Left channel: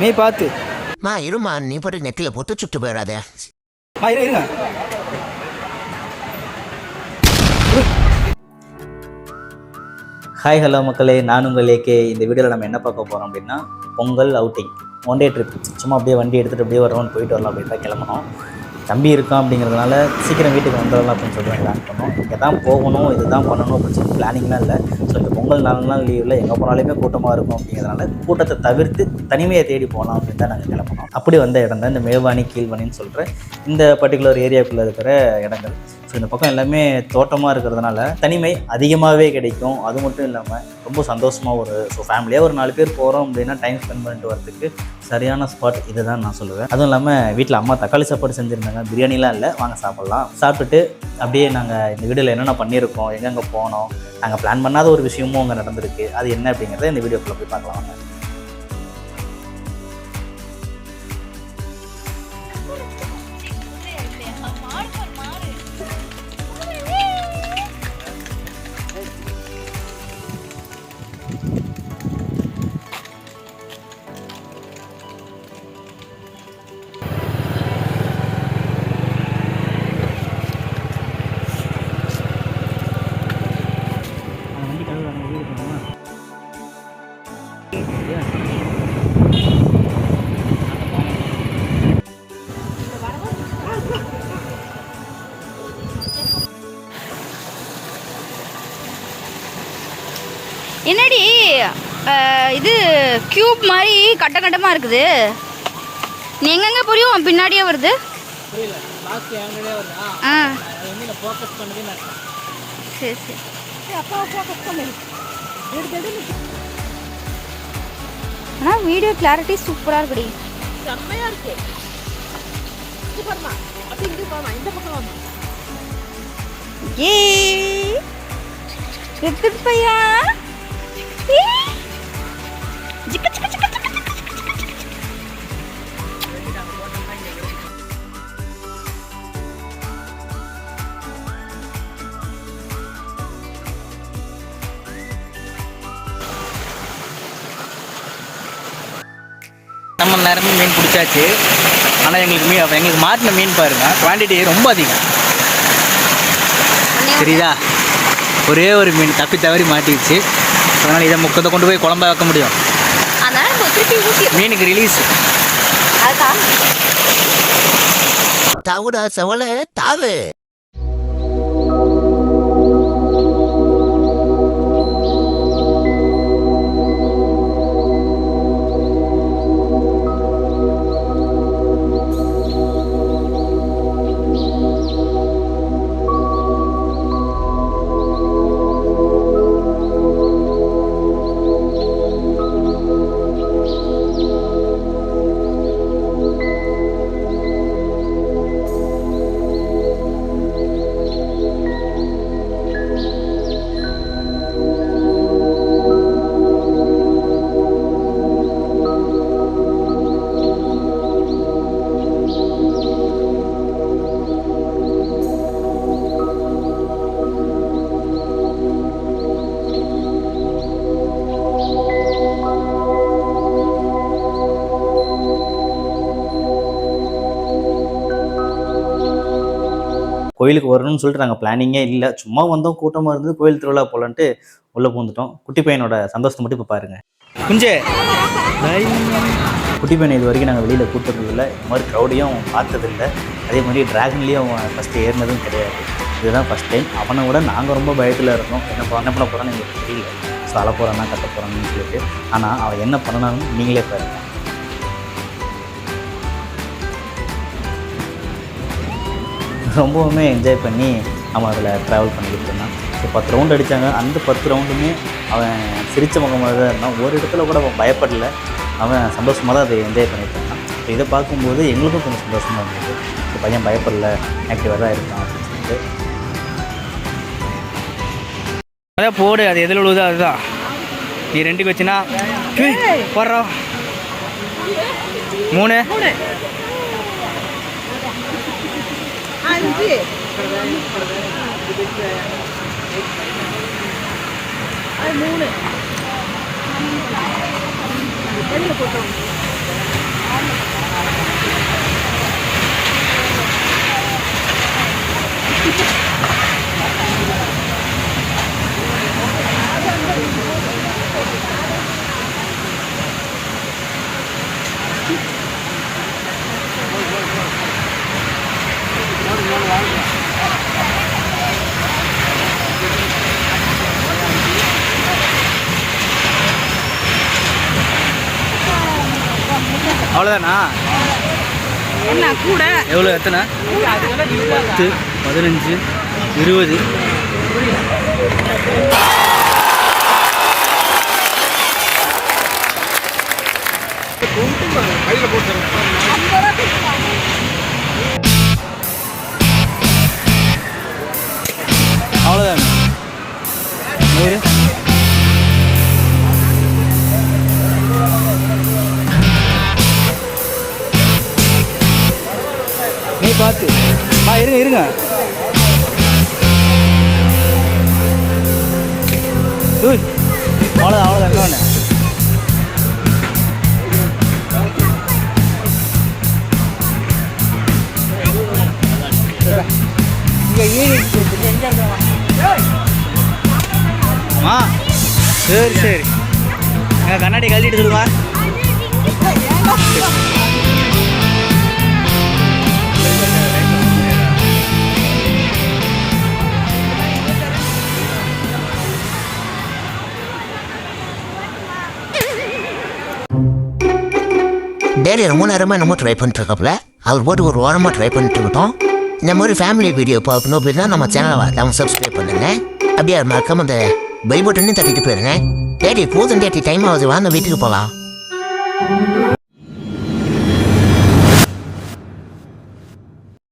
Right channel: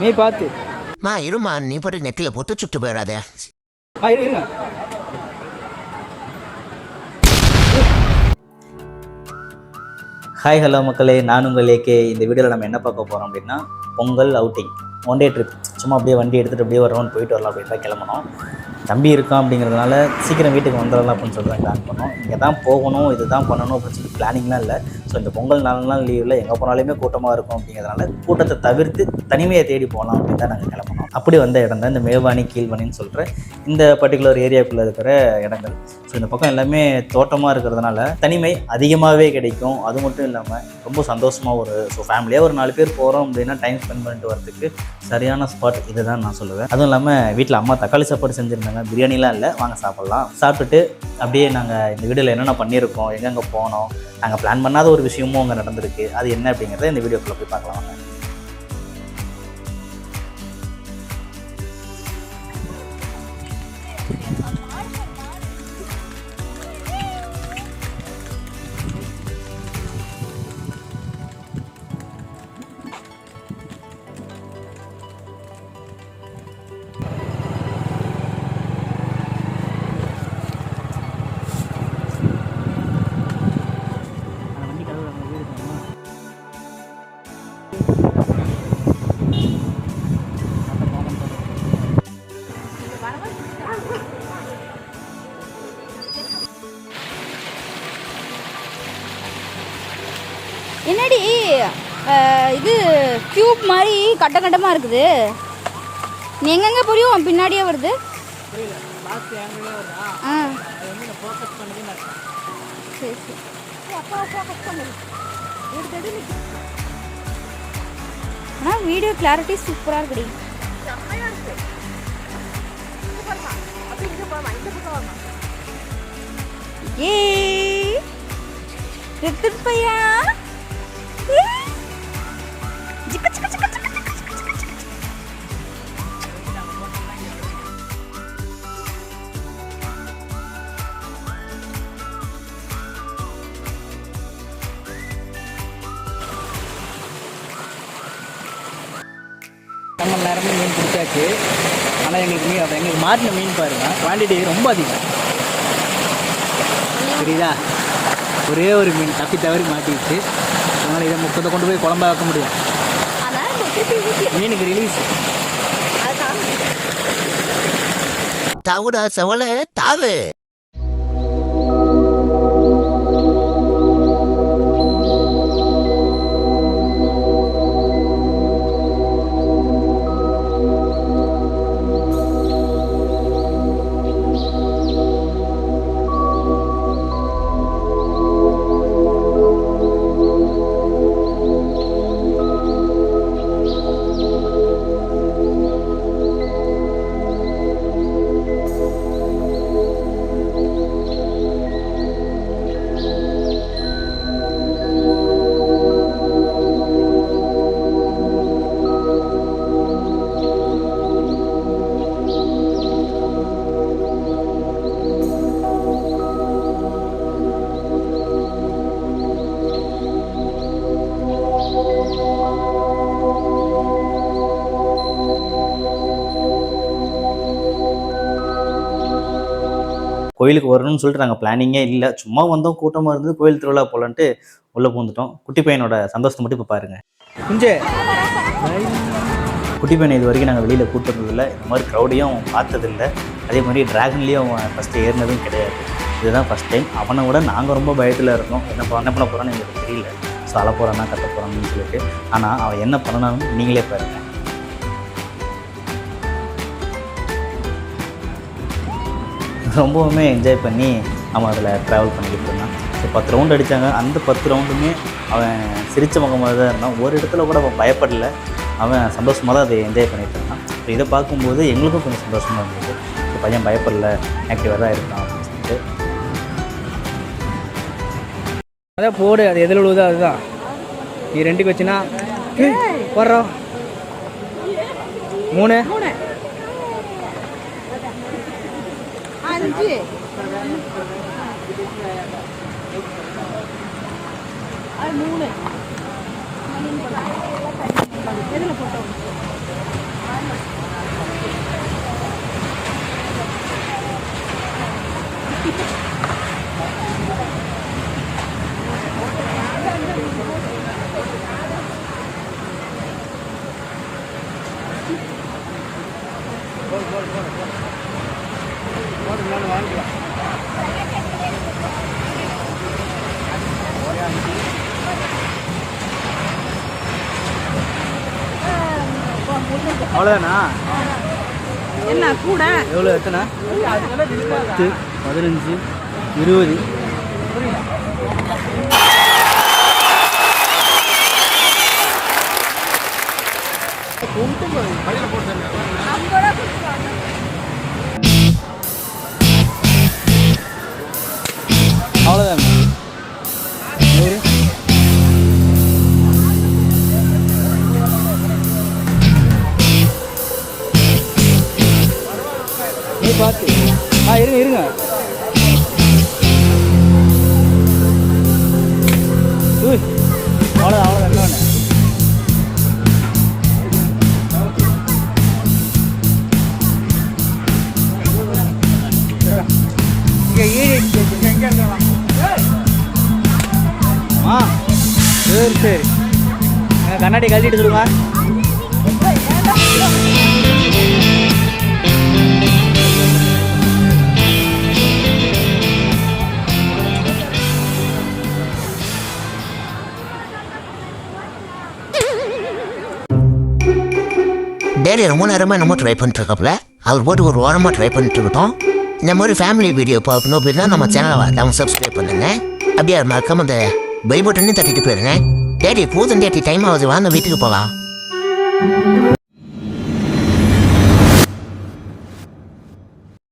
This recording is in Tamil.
நீ பார்த்து இருமா, நீ போட்டு நெத்தில போட்டு சுட்டு போயிடாதே. இருங்க. ஹாய் ஹலோ மக்களே, நான் உங்கள் ஏகே. இந்த வீடியோவில் நம்ம என்ன பார்க்க போகிறோம் அப்படின்னா, Pongal outing, one day trip. சும்மா அப்படியே வண்டி எடுத்துகிட்டு அப்படியே ஒரு ரவுண்ட் போயிட்டு வரலாம் அப்படின்னு தான் கிளம்பணும். தம்பி இருக்கான் அப்படிங்கிறதுனால சீக்கிரம் வீட்டுக்கு வந்துடலாம் அப்படின்னு சொல்லி தான் பிளான் பண்ணோம். இங்கே தான் போகணும், இது தான் பண்ணணும் அப்படின்னு சொல்லி பிளானிங்லாம் இல்லை. ஸோ இந்த பொங்கல் 4 நாள் லீவில் எங்கே போனாலுமே கூட்டமாக இருக்கும் அப்படிங்கிறதுனால கூட்டத்தை தவிர்த்து தனிமையை தேடி போகலாம் அப்படின்னு தான் நாங்கள் கிளம்பணும். அப்படி வந்த இடம் தான் இந்த மேல்வானி கீழ்வானின்னு சொல்கிற இந்த பர்டிகுலர் ஏரியாவுக்குள்ளே இருக்கிற இடங்கள். ஸோ இந்த பக்கம் எல்லாமே தோட்டமாக இருக்கிறதுனால தனிமை அதிகமாகவே கிடைக்கும். அது மட்டும் இல்லாமல் ரொம்ப சந்தோஷமாக ஃபேமிலியாக ஒரு 4 பேர் போகிறோம் அப்படின்னா டைம் ஸ்பெண்ட் பண்ணிட்டு வரதுக்கு சரியான ஸ்பாட் இது தான் நான் சொல்லுவேன். அதுவும் இல்லாமல் வீட்டில் அம்மா தக்காளி சாப்பாடு செஞ்சுருந்தாங்க. பிரியாணிலாம் இல்லை, வாங்க சாப்பிட்லாம். சாப்பிட்டுட்டு அப்படியே நாங்கள் இந்த வீடியோவில் என்னென்ன பண்ணியிருக்கோம், எங்கெங்கே போனோம், நாங்கள் பிளான் பண்ணாத ஒரு விஷயமும் அங்கே நடந்திருக்கு, அது என்ன அப்படிங்கிறத இந்த வீடியோக்குள்ளே போய் பார்க்கலாம் வாங்க. என்னடி இது கியூப் மாதிரி கட்டமாக இருக்குது. நீ எங்கெங்கே புரியும் பின்னாடியே வருது. சரி சரி. ஆனால் வீடியோ கிளாரிட்டி சூப்பராக இருக்குடி. ஏ எடுத்துட்டு பையா. நம்ம நேரமே மீன் பிடிச்சாச்சு. ஆனால் எங்களுக்கு மாட்டின மீன் பாருங்க, குவான்டிட்டி ரொம்ப அதிகம். சரிதா, ஒரே ஒரு மீன் தப்பி தவறி மாட்டிடுச்சு. அதனால் இதை முக்கத்தை கொண்டு போய் குழம்பா வைக்க முடியும். மீனுக்கு ரிலீஸ் தாவுடா செவலை தாவு. கோயிலுக்கு வரணும்னு சொல்லிட்டு நாங்கள் பிளானிங்கே இல்லை, சும்மா வந்தோம், கூட்டமாக இருந்தது, கோயில் திருவிழா போகலான்ட்டு உள்ளே பூந்துட்டோம். குட்டி பையனோட சந்தோஷத்தை மட்டும் இப்போ பாருங்கள். குஞ்சே குட்டி பையனை இது வரைக்கும் நாங்கள் வெளியில் கூட்டுறதில்லை, இந்த மாதிரி க்ரௌடையும் பார்த்ததில்லை, அதே மாதிரி ட்ராகன்லேயும் அவன் ஃபஸ்ட்டு ஏறினதும் கிடையாது. இதுதான் ஃபஸ்ட் டைம். அவனை விட நாங்கள் ரொம்ப பயத்தில் இருந்தோம். என்ன பண்ண போகிறான்னு எங்களுக்கு தெரியல. ஸோ அழ போகிறானா கட்ட போகிறான்னு சொல்லிட்டு. ஆனால் அவன் என்ன பண்ணனாலும் நீங்களே பாருங்கள். ரொம்பவுமே என்ஜாய் பண்ணி அவன் அதில் ட்ராவல் பண்ணிக்கிட்டு இருந்தான். ஸோ 10 ரவுண்டு அடித்தாங்க. அந்த 10 ரவுண்டுமே அவன் சிரித்த முகமாக தான் இருந்தான். ஒரு இடத்துல கூட அவன் பயப்படலை, அவன் சந்தோஷமாக தான் அதை என்ஜாய் பண்ணிகிட்டு இருந்தான். ஸோ இதை பார்க்கும்போது எங்களுக்கும் கொஞ்சம் சந்தோஷமாக இருந்தது. ஸோ பையன் பயப்படலை, ஆக்டிவாக தான் இருக்கான் அப்படின்னு சொல்லிட்டு. அதான் போடு, அது எதில் விழுவுதோ அதுதான். நீ 2க்கு வச்சுன்னா போடுறோம் 3 5 3 எதில் போட்டோம் அவ்வளோதானா? என்ன கூட எவ்வளோ எத்தனை? 10, 15, 20. அவ்வளோதான் 100. நீ பார்த்து இருங்க டூய் அவ்வளோதான் இன்னொன்று. அம்மா சரி எங்கள் கண்ணாடி கழட்டிட்டு கொடுங்க. டேடி ரொம்ப நேரமாக என்னமோ ட்ரை பண்ணிட்டுருக்கப்பல அவர் போட்டு ஒரு வாரமாக ட்ரை பண்ணிட்டு இருக்கோம். இந்த மாதிரி ஃபேமிலி வீடியோ பார்க்கணும் அப்படின்னா நம்ம சேனலை நம்ம சப்ஸ்கிரைப் பண்ணுங்க. அப்படியே மறக்காம அந்த பை பட்டனையும் தட்டிட்டு போயிருங்க. டேடி போதும் டேடி டைம் ஆகுது, வாங்க வீட்டுக்கு போகலாம்.